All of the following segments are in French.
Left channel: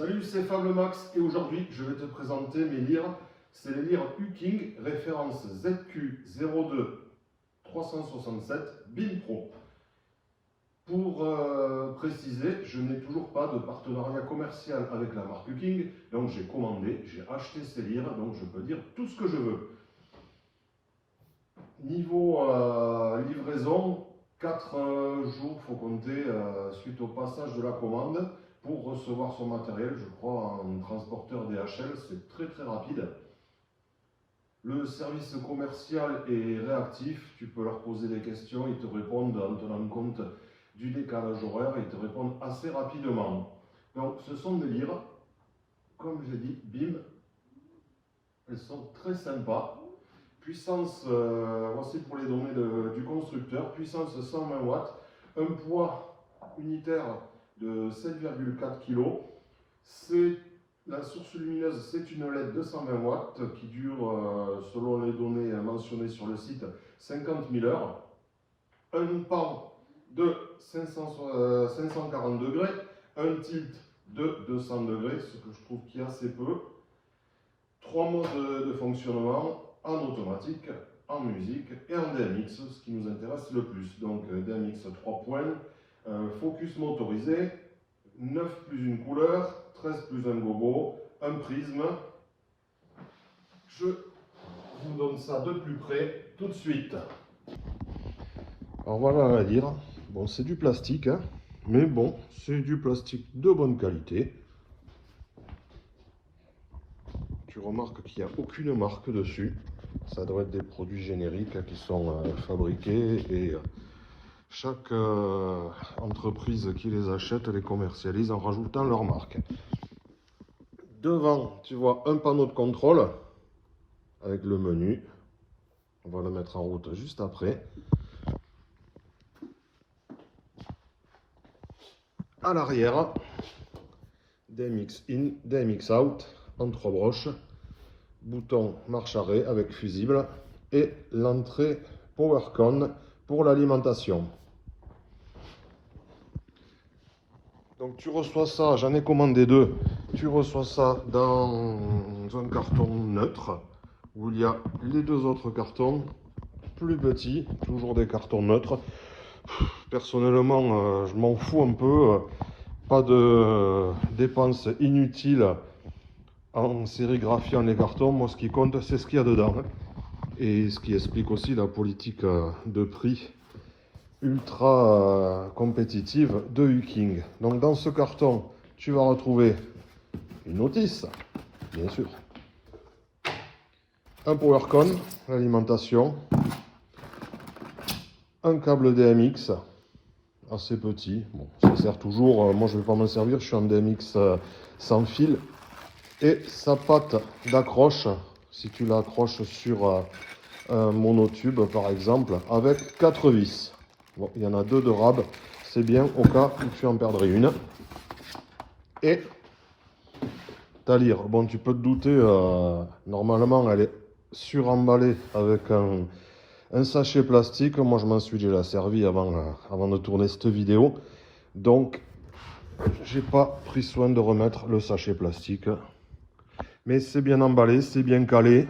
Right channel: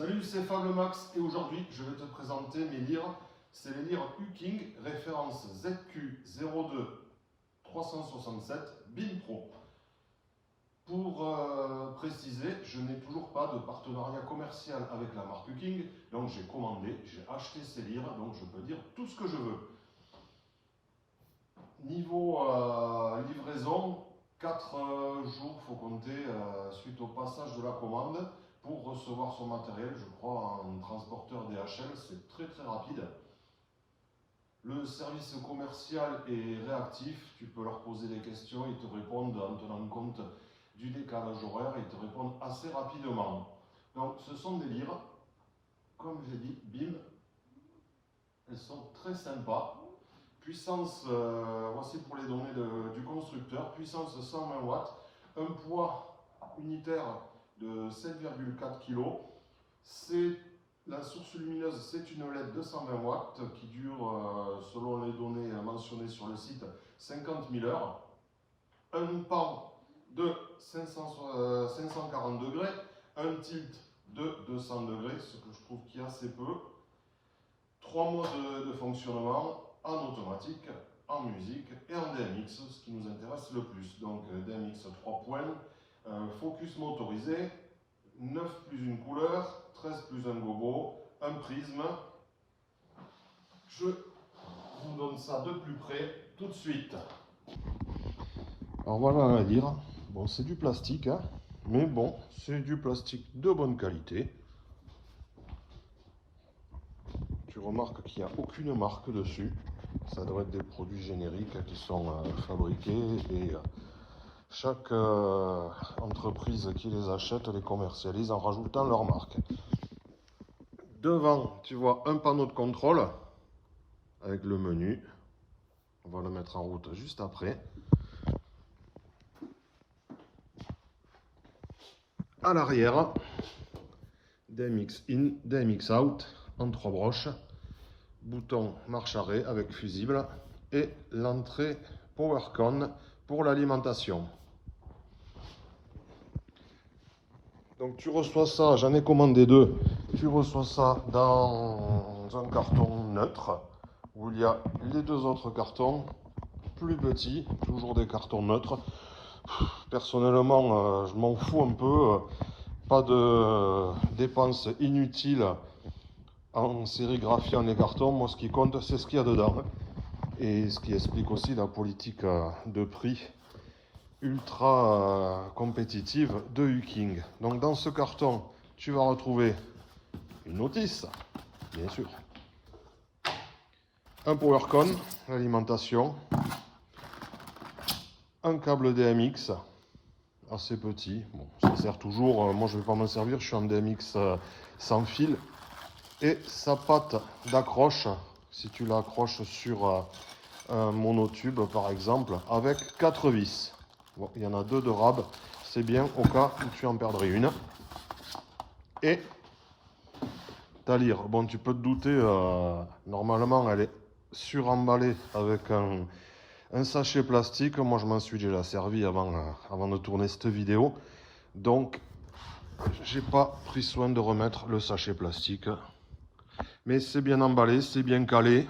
Salut, c'est Fable Max et aujourd'hui je vais te présenter mes lyres. C'est les lyres Uking, référence ZQ02-367 BIM Pro. Pour préciser, je n'ai toujours pas de partenariat commercial avec la marque Uking, donc j'ai commandé, j'ai acheté ces lyres, donc je peux dire tout ce que je veux. Niveau livraison, 4 jours faut compter suite au passage de la commande pour recevoir son matériel, je crois en transporteur DHL, c'est très rapide. Le service commercial est réactif, tu peux leur poser des questions, ils te répondent en tenant compte du décalage horaire, ils te répondent assez rapidement. Donc ce sont des lyres, comme j'ai dit, BIM, elles sont très sympas. Puissance, voici pour les données du constructeur, puissance 120 watts, un poids unitaire de 7,4 kg. La source lumineuse, c'est une LED de 120 watts qui dure, selon les données mentionnées sur le site, 50 000 heures. Un pan de 540 degrés, un tilt de 200 degrés, ce que je trouve qui est assez peu. 3 modes de fonctionnement, en automatique, en musique et en DMX, ce qui nous intéresse le plus. Donc DMX 3 points, focus motorisé, 9 plus une couleur, 13 plus un gogo, un prisme. Je vous donne ça de plus près tout de suite. Alors voilà la lyre. Bon, c'est du plastique, hein, mais bon, c'est du plastique de bonne qualité. Tu remarques qu'il n'y a aucune marque dessus. Ça doit être des produits génériques qui sont fabriqués et chaque entreprise qui les achète les commercialise en rajoutant leur marque. Devant, tu vois un panneau de contrôle avec le menu. On va le mettre en route juste après. À l'arrière, DMX in, DMX out en 3 broches. Bouton marche arrêt avec fusible et l'entrée PowerCon pour l'alimentation. Donc tu reçois ça, j'en ai commandé 2, tu reçois ça dans un carton neutre où il y a les 2 autres cartons plus petits, toujours des cartons neutres. Personnellement, je m'en fous un peu, pas de dépenses inutiles en sérigraphiant les cartons. Moi ce qui compte c'est ce qu'il y a dedans et ce qui explique aussi la politique de prix ultra compétitive de Uking. Donc dans ce carton, tu vas retrouver une notice, bien sûr, un PowerCon, l'alimentation, un câble DMX, assez petit, bon, ça sert toujours, moi je ne vais pas m'en servir, je suis en DMX sans fil, et sa patte d'accroche, si tu l'accroches sur un monotube par exemple, avec 4 vis. Bon, il y en a 2 de rab, c'est bien au cas où tu en perdrais une. Et ta lyre, bon tu peux te douter, normalement elle est suremballée avec un sachet plastique. Moi je m'en suis déjà servi avant de tourner cette vidéo. Donc j'ai pas pris soin de remettre le sachet plastique. Mais c'est bien emballé, c'est bien calé.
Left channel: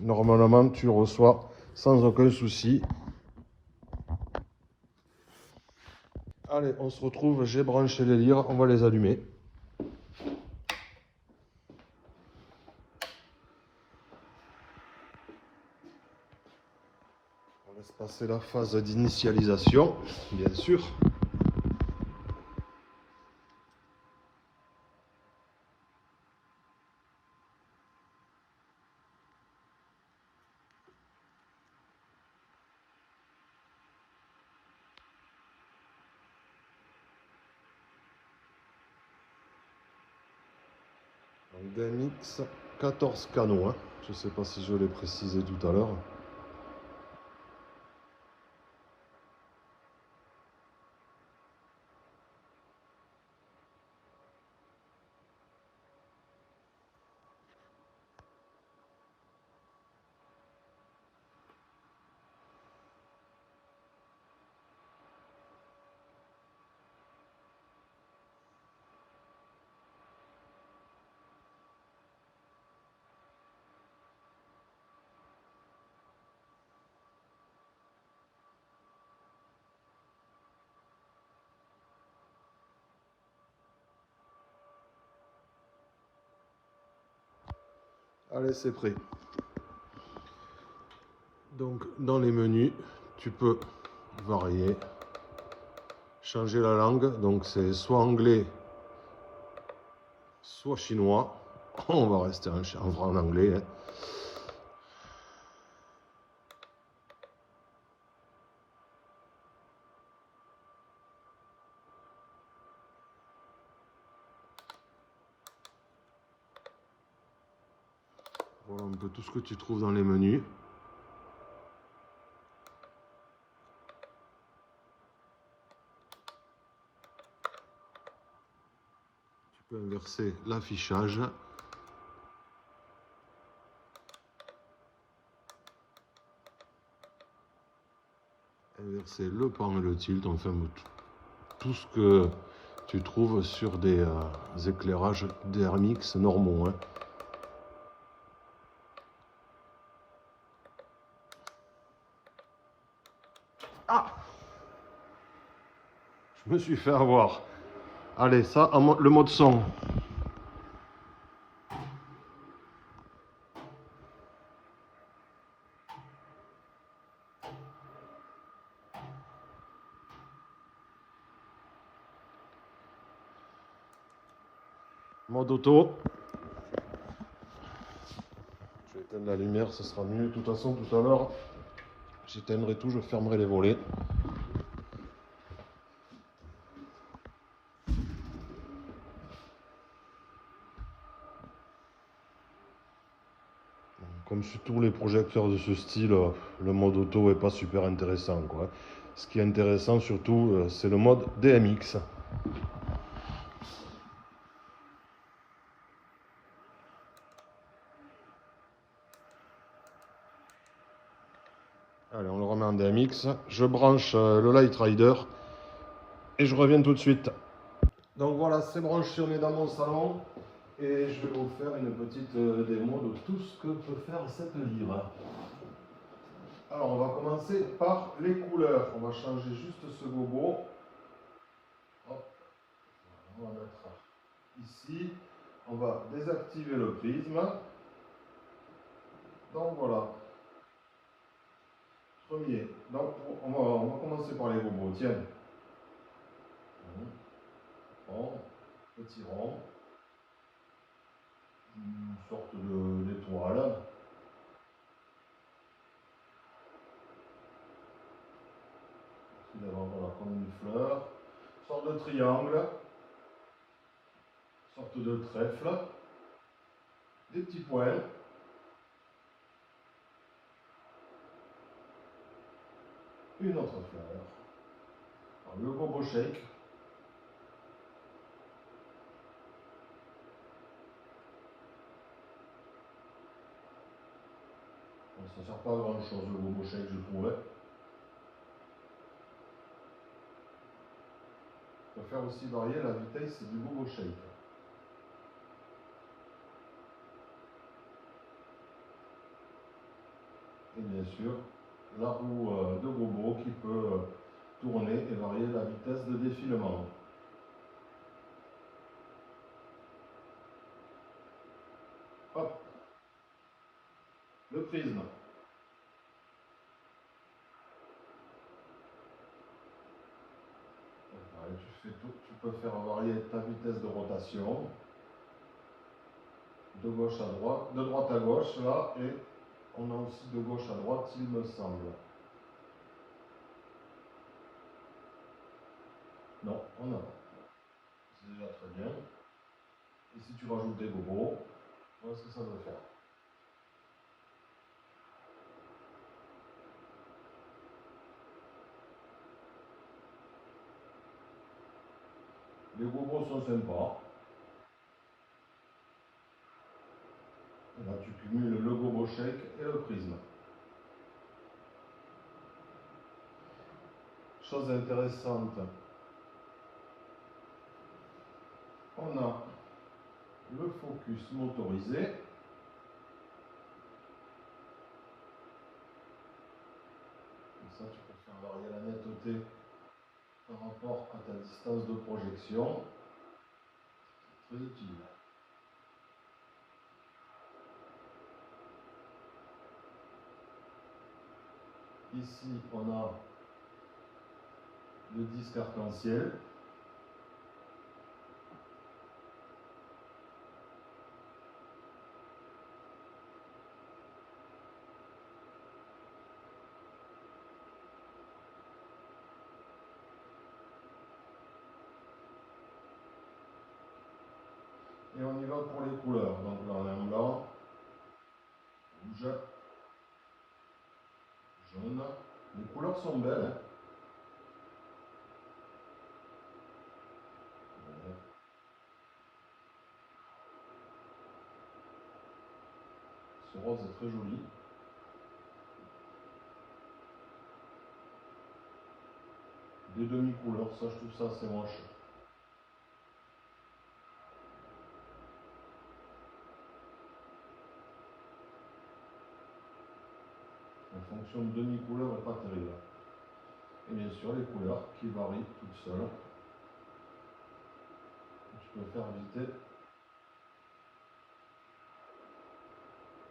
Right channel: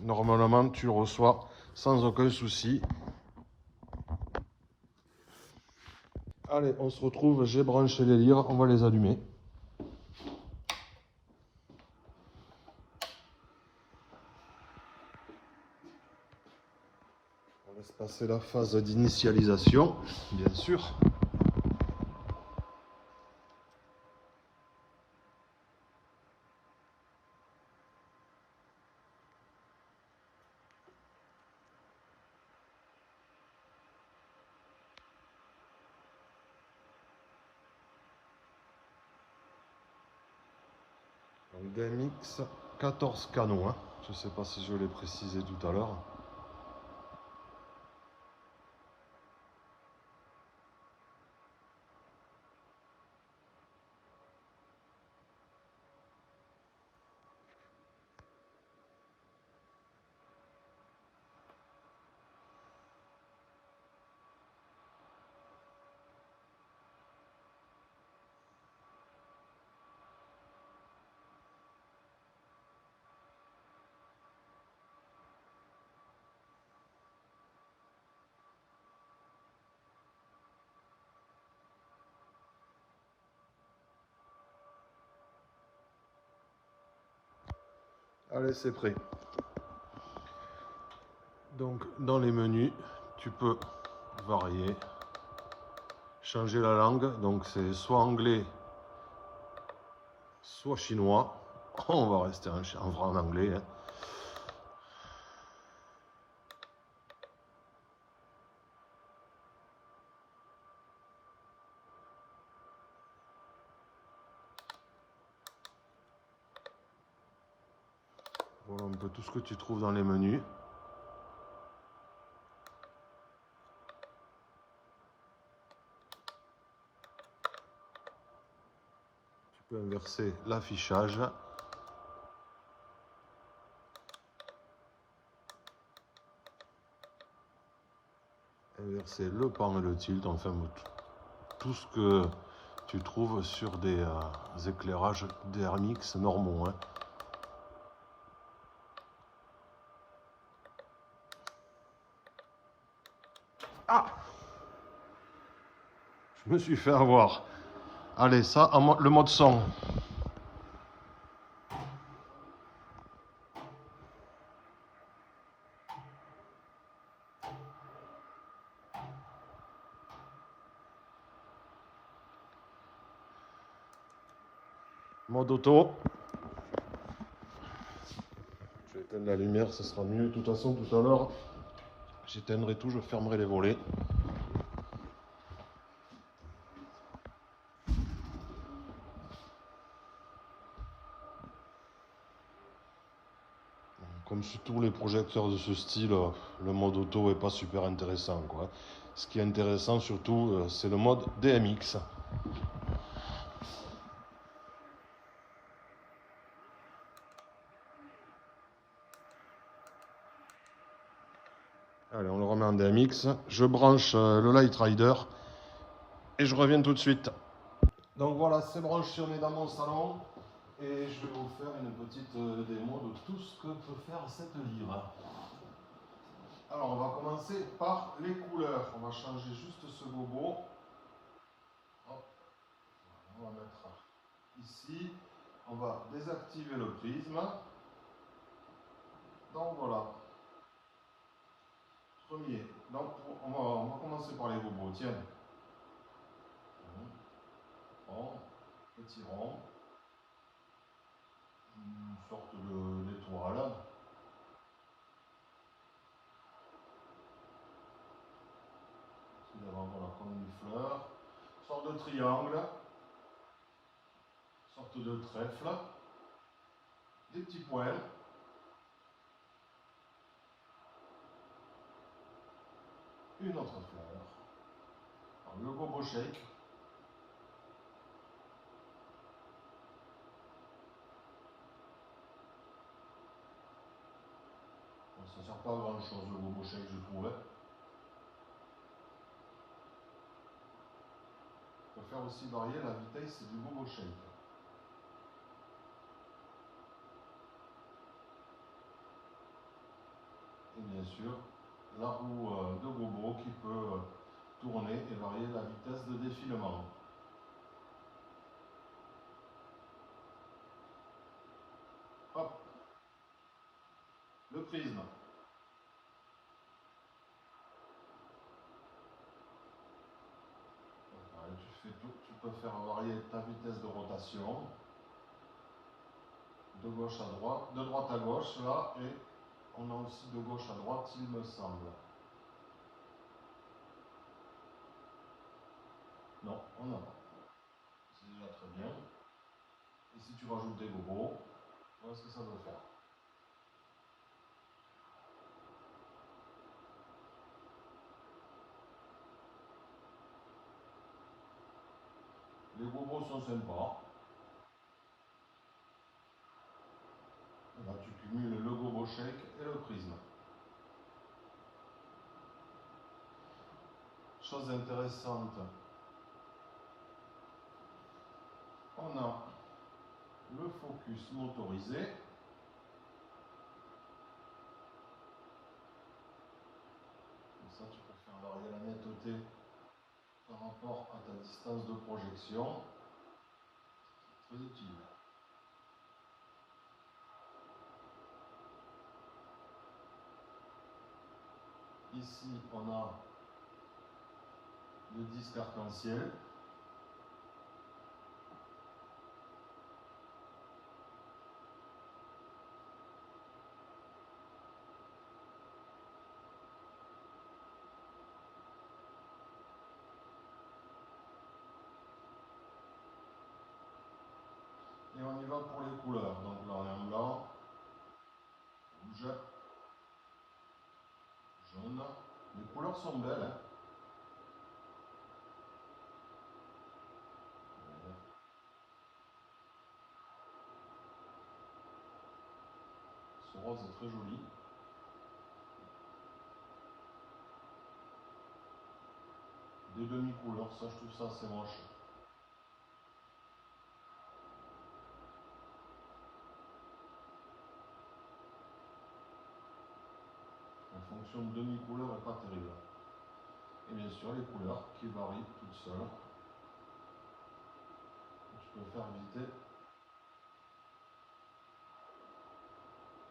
Normalement tu le reçois sans aucun souci. Allez, on se retrouve, j'ai branché les lyres, on va les allumer. On laisse passer la phase d'initialisation, bien sûr. DMX 14 canaux, hein. Je ne sais pas si je l'ai précisé tout à l'heure. Allez, c'est prêt. Donc, dans les menus, tu peux varier, changer la langue. Donc, c'est soit anglais, soit chinois. On va rester en anglais. Hein. Voilà un peu tout ce que tu trouves dans les menus. Tu peux inverser l'affichage. Inverser le pan et le tilt, enfin tout ce que tu trouves sur des éclairages DRMX normaux. Hein. Ah, je me suis fait avoir. Allez, ça, le mode son. Mode auto. Je vais éteindre la lumière, ce sera mieux. De toute façon, tout à l'heure, j'éteindrai tout, je fermerai les volets. Comme sur tous les projecteurs de ce style, le mode auto n'est pas super intéressant, quoi. Ce qui est intéressant surtout, c'est le mode DMX. Allez, on le remet en DMX. Je branche le Light Rider et je reviens tout de suite. Donc voilà, c'est branché, on est dans mon salon et je vais vous faire une petite démo de tout ce que peut faire cette lyre. Alors on va commencer par les couleurs. On va changer juste ce gobo. Hop. On va mettre ici. On va désactiver le prisme. Donc voilà. Premier. Donc on va commencer par les gobos. Tiens. Rond, petit rond. Une sorte d'étoile. D'abord, voilà, comme une fleur. Sorte de triangle. Sorte de trèfle. Des petits points. Une autre fleur. Alors, le gobo shake. Bon, ça ne sert pas à grand chose le gobo shake, je trouvais. On peut faire aussi varier la vitesse du gobo shake. Et bien sûr, la roue de gobo qui peut tourner et varier la vitesse de défilement. Hop, le prisme. Tu peux faire varier ta vitesse de rotation de gauche à droite, de droite à gauche là, et on a aussi de gauche à droite, il me semble. Non, on a pas. C'est déjà très bien. Et si tu rajoutes des gobos, voilà ce que ça veut faire. Les gobos sont sympas. Et là, tu cumules le gobo shake et le prisme. Chose intéressante, on a le focus motorisé. Et ça, tu peux faire varier la netteté par rapport à ta distance de projection. Très utile. Ici, on a le disque arc-en-ciel. Et on y va pour les couleurs. Donc là, on est en blanc, rouge, jaune. Les couleurs sont belles. Ce rose est très joli. Des demi-couleurs, ça je trouve ça assez moche. La fonction de demi-couleur n'est pas terrible. Et bien sûr les couleurs qui varient toutes seules. Tu peux faire éviter.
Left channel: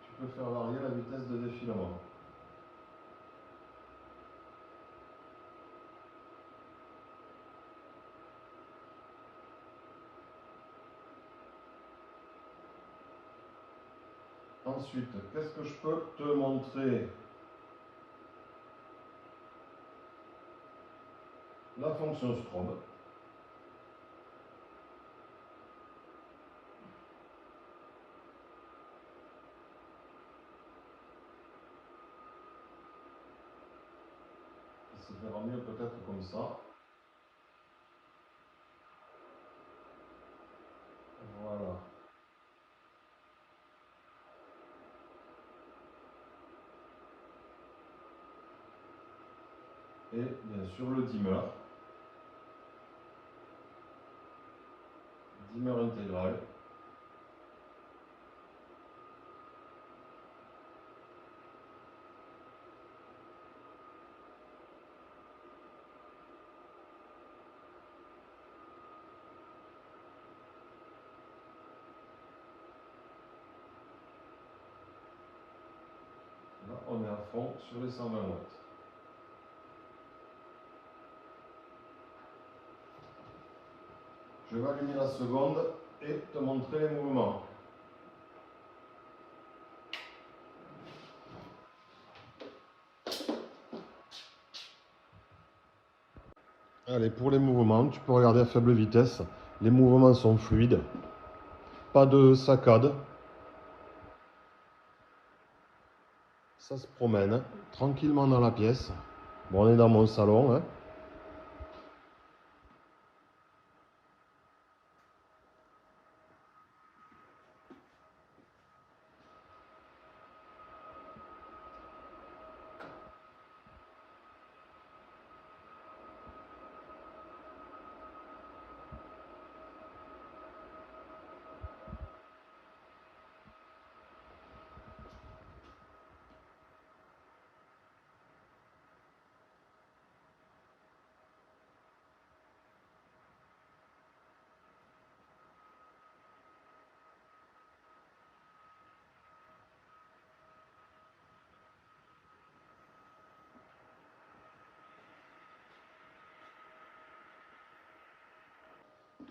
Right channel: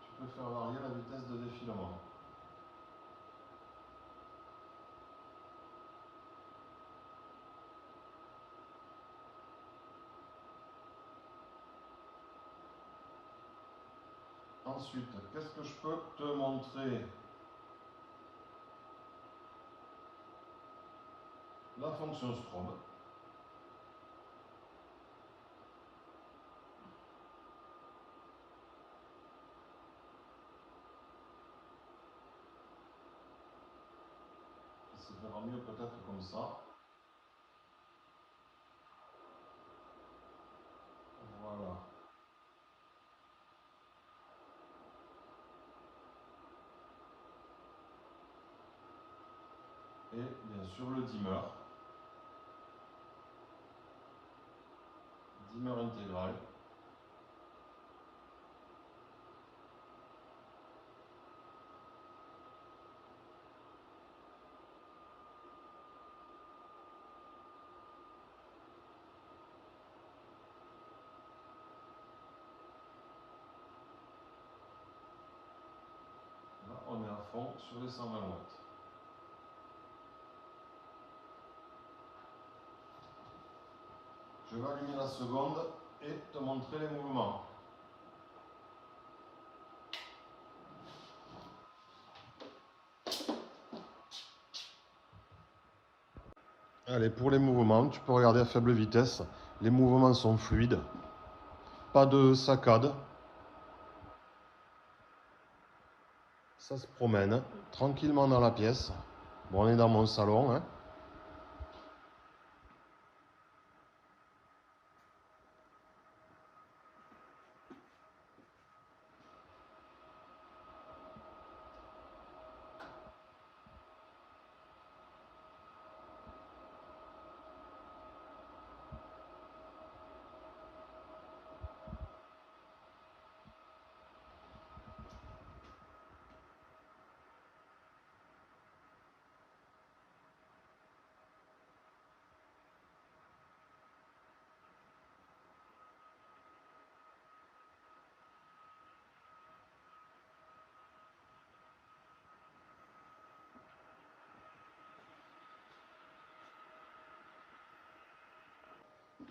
Tu peux faire varier la vitesse de défilement. Ensuite, qu'est-ce que je peux te montrer? La fonction strobe. Qui se verra mieux peut-être comme ça. Voilà. Et bien sûr le dimmer. Dimmer intégral. Là, on est à fond sur les 120 watts. Je vais allumer la seconde et te montrer les mouvements. Allez, pour les mouvements, tu peux regarder à faible vitesse. Les mouvements sont fluides. Pas de saccade. Ça se promène tranquillement dans la pièce. Bon, on est dans mon salon, hein.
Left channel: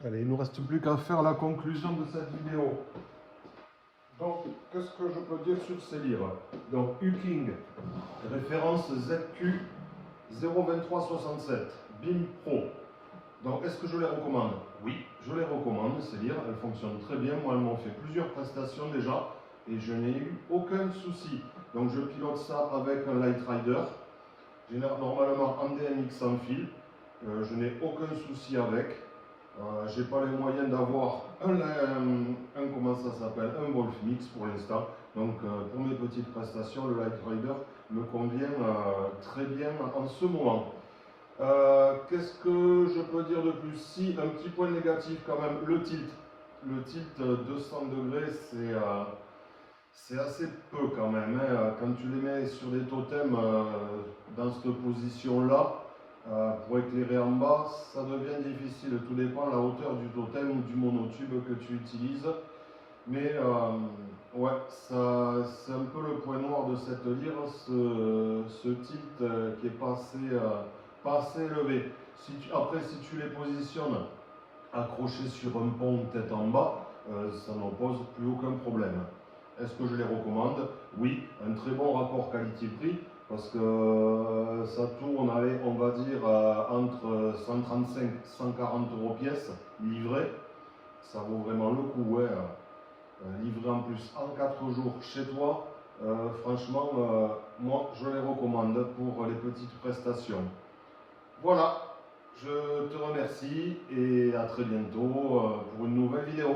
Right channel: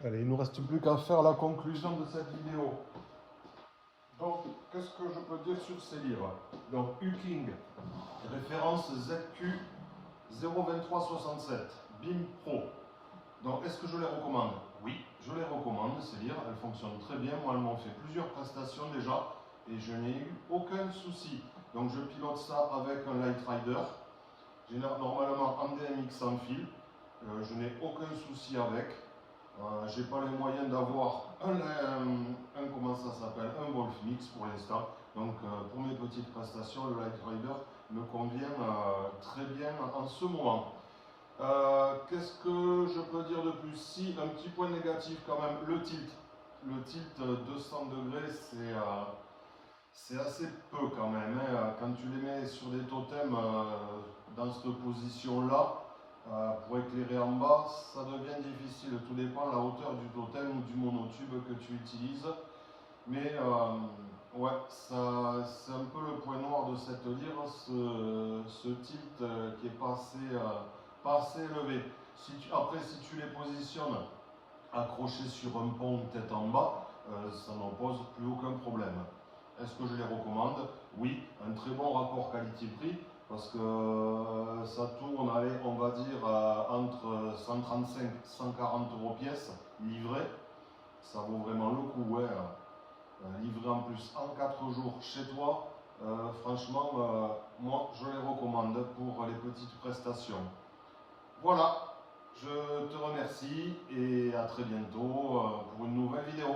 Allez, il ne nous reste plus qu'à faire la conclusion de cette vidéo. Donc, qu'est-ce que je peux dire sur ces livres? Donc, Huking, référence ZQ 02367, BIM Pro. Donc, est-ce que je les recommande? Oui, je les recommande, ces livres, elles fonctionnent très bien. Moi, elles m'ont fait plusieurs prestations déjà et je n'ai eu aucun souci. Donc, je pilote ça avec un Light Rider. J'ai normalement un DMX sans fil. Je n'ai aucun souci avec. J'ai pas les moyens d'avoir comment ça s'appelle, un Wolf Mix pour l'instant. Donc pour mes petites prestations, le Light Rider me convient très bien en ce moment. Qu'est-ce que je peux dire de plus? Si, un petit point négatif quand même, le tilt. Le tilt 200 degrés, c'est assez peu quand même. Hein. Quand tu les mets sur des totems dans cette position-là, pour éclairer en bas, ça devient difficile. Tout dépend de la hauteur du totem ou du monotube que tu utilises. Mais ouais, ça, c'est un peu le point noir de cette lyre, ce tilt qui est pas assez élevé. Après, si tu les positionnes accrochés sur un pont tête en bas, ça ne pose plus aucun problème. Est-ce que je les recommande? Oui, un très bon rapport qualité-prix, parce que ça tourne, allez, on va dire, entre 135 et 140 euros pièce, livré. Ça vaut vraiment le coup, ouais. Livré en plus en 4 jours chez toi, franchement, moi, je les recommande pour les petites prestations. Voilà, je te remercie et à très bientôt pour une nouvelle vidéo.